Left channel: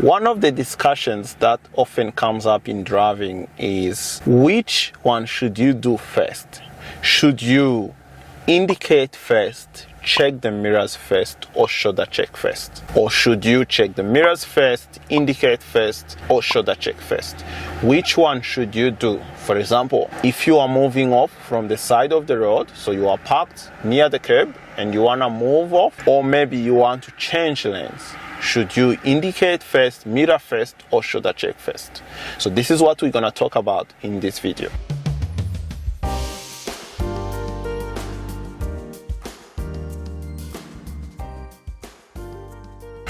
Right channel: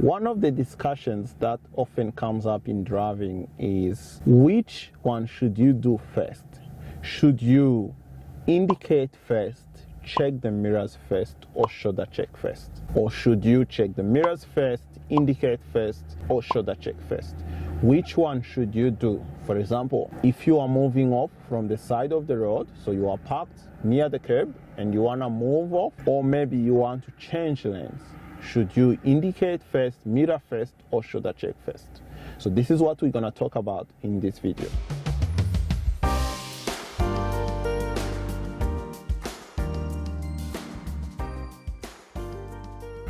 One of the discussions that often comes up in driving is which one should you do first? Should you indicate first, check the mirrors first, or shoulder check first? Or should you check the mirrors first, indicate first, or shoulder check first? Which one should you do? For example, if you are moving off from the side of the road, so you are parked near the curb and you want to move off, or maybe you want to change lanes, should you indicate first, mirror first, or shoulder check first? So this is what we're going to talk about in this video.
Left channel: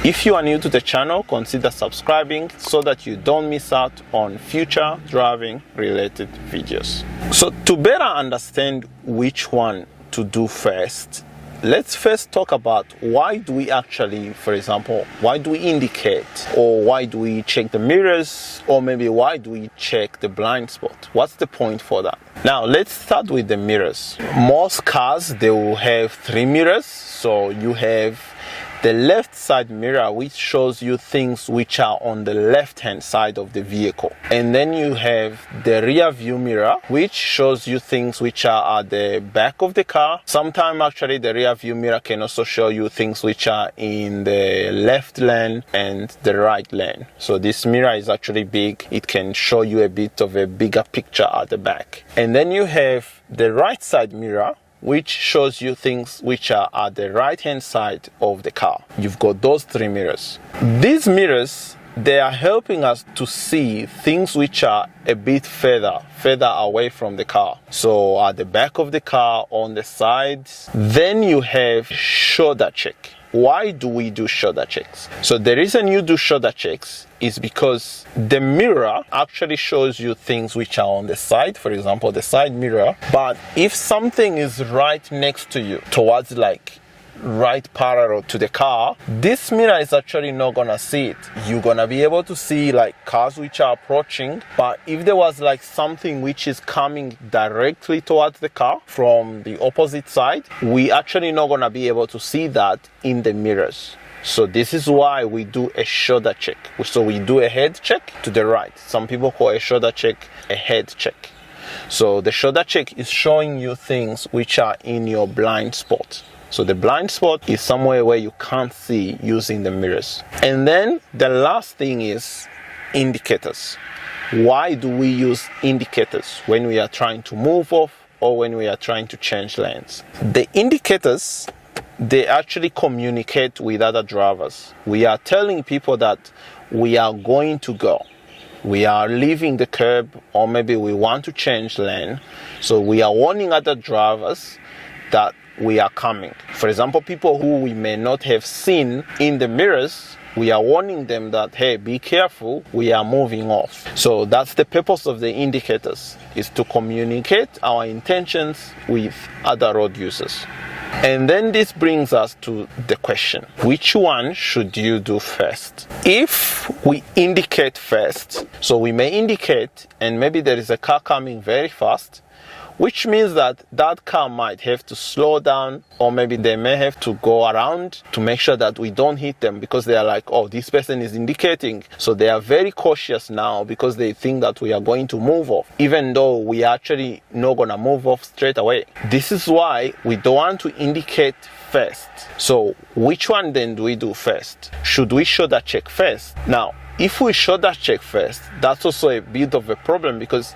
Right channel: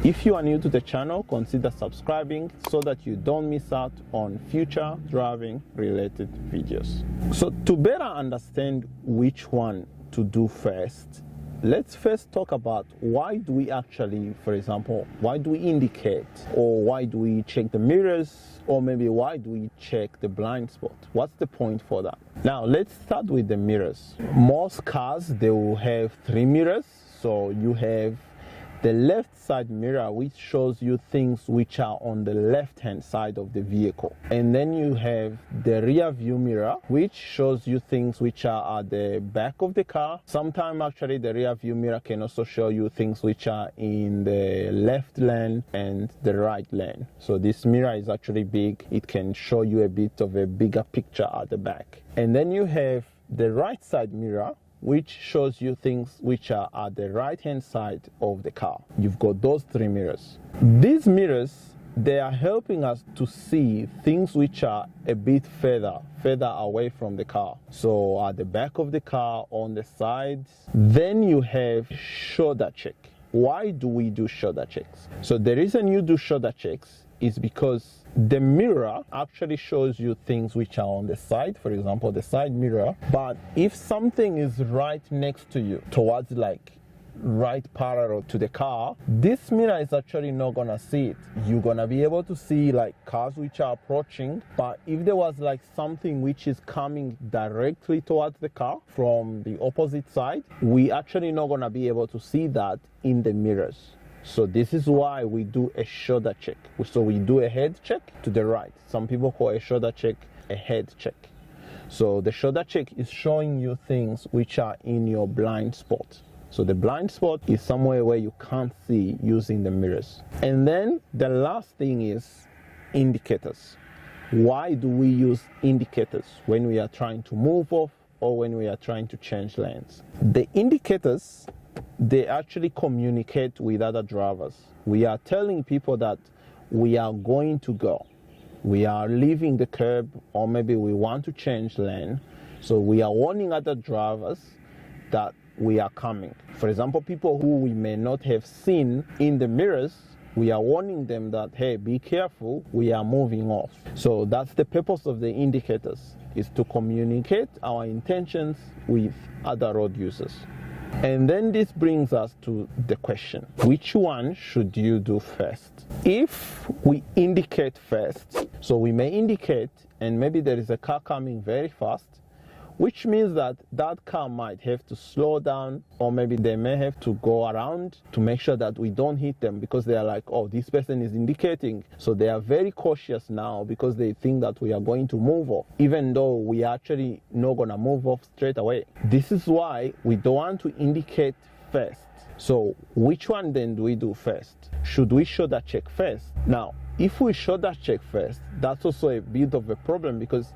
If you are new to the channel, consider subscribing so that you don't miss out on future driving related videos. So to better understand which one to do first, let's first talk about why do we actually, for example, why do we indicate, or why do we check the mirrors, or maybe why do we check the blind spot? What's the point for that? Now let's start with the mirrors. Most cars, they will have 3 mirrors. So you have the left side mirror, which shows you things which are on the left hand side of the vehicle, and then you have the rear view mirror, which shows you things which are at the back of the car. Sometimes actually the rear view mirror can also show you things which are in the left lane and the right lane. So this mirror is actually big. It can show you a bit of a bigger picture at the back. And then you have the right side mirror, which shows you things which are at the right hand side of the car. You've got those 3 mirrors. These mirrors, they are helping us to see things which are a bit further away from the car. So at the back of the car, on the sides. Then you have shoulder check. Why do we do shoulder checks? So the reason you do shoulder checks is because the mirror actually shows you things which are on the side, for example, the side mirror. But if something is right next to you, towards like right parallel to the car, this mirror is actually not gonna see it. You're gonna be able to see like cars which are approaching, but if there was like something which is coming directly towards the car from the opposite side, we actually not gonna be able to see that in the mirrors. So this is why we do a shoulder check. So we do a head check to the right. Some people call a shoulder check a head check. So the shoulder check is showing you things which are in your blind spot. So the blind spot is somewhere where you can't see using the mirrors. And then the last thing is indicators. Why do we use indicators when we are trying to move off or when we are trying to change lanes? The indicators, they actually communicate with other drivers. We are telling people that we are going to go. We are leaving the curb, or maybe we want to change lane. So we are warning other drivers that we are coming. For example, people who we may not have seen in the mirrors, we are warning them that, hey, be careful, we are moving off. So that's the purpose of the indicators, is to communicate our intentions with other road users. And then this brings us to the question, which one should you do first? If we indicate first, so we may indicate and maybe there is a car coming very fast, which means that that car might have to slow down, or maybe they may have to go around to make sure that we don't hit them, because they are like, oh, this person is indicating. So they are very cautious now because they think that we are going to move off, even though we are actually not going to move off straight away. This is why we don't want to indicate first. So which one then do we do first? Should we shoulder check first? Now, if we shoulder check first, that's also a bit of a problem, because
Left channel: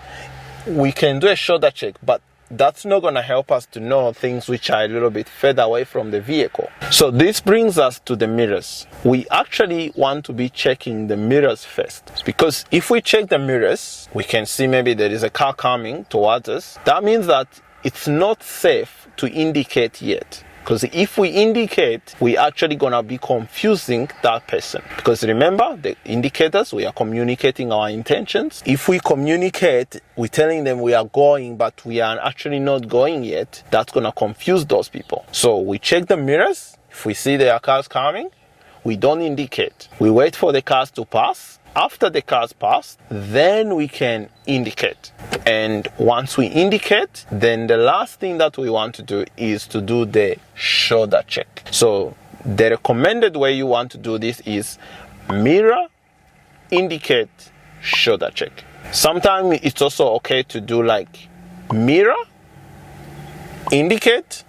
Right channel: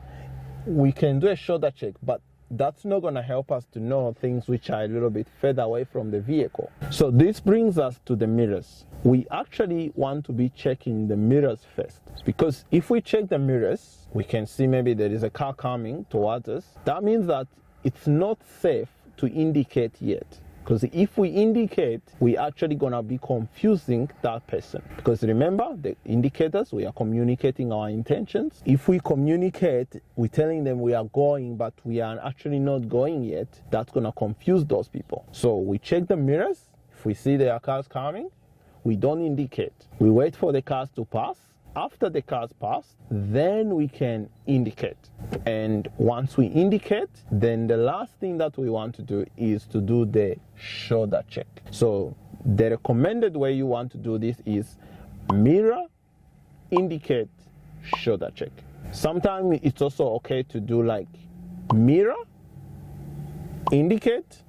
we can do a shoulder check, but that's not going to help us to know things which are a little bit further away from the vehicle. So this brings us to the mirrors. We actually want to be checking the mirrors first, because if we check the mirrors, we can see maybe there is a car coming towards us. That means that it's not safe to indicate yet. Because if we indicate, we're actually going to be confusing that person. Because remember, the indicators, we are communicating our intentions. If we communicate, we're telling them we are going, but we are actually not going yet, that's going to confuse those people. So we check the mirrors. If we see there are cars coming, we don't indicate. We wait for the cars to pass. After the cars pass, then we can indicate. And once we indicate, then the last thing that we want to do is to do the shoulder check. So the recommended way you want to do this is mirror, indicate, shoulder check. Sometimes it's also okay to do like mirror, indicate,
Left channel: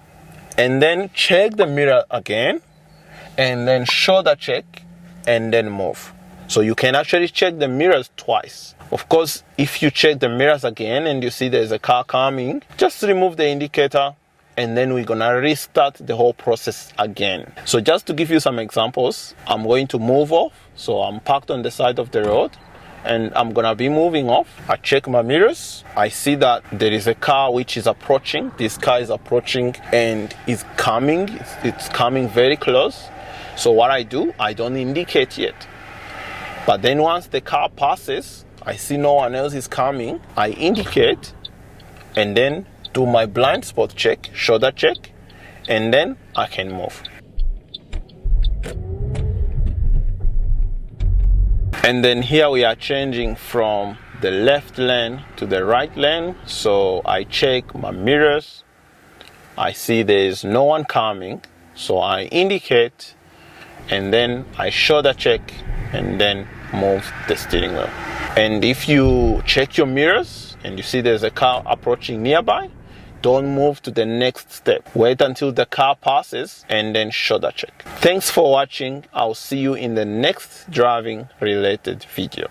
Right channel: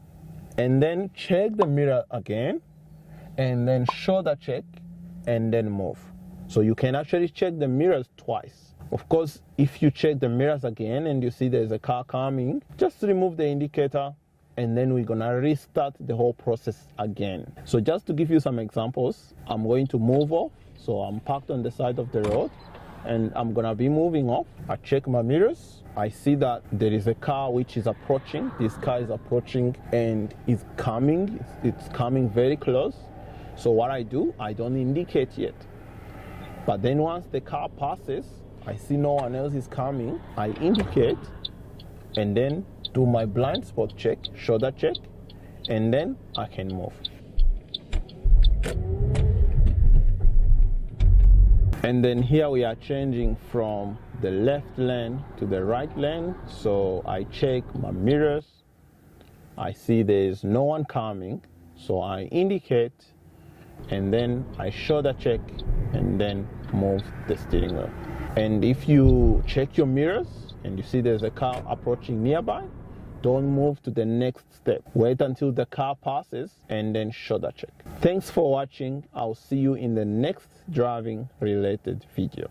and then check the mirror again, and then shoulder check, and then move. So you can actually check the mirrors twice. Of course, if you check the mirrors again and you see there's a car coming, just remove the indicator, and then we're gonna restart the whole process again. So just to give you some examples, I'm going to move off. So I'm parked on the side of the road and I'm gonna be moving off. I check my mirrors. I see that there is a car which is approaching. This car is approaching and is coming. It's coming very close. So what I do, I don't indicate yet. But then once the car passes, I see no one else is coming, I indicate and then do my blind spot check, shoulder check, and then I can move. And then here we are changing from the left lane to the right lane. So I check my mirrors. I see there's no one coming. So I indicate and then I shoulder check and then move the steering wheel. And if you check your mirrors and you see there's a car approaching nearby, don't move to the next step. Wait until the car passes and then shoulder check. Thanks for watching. I'll see you in the next driving related video.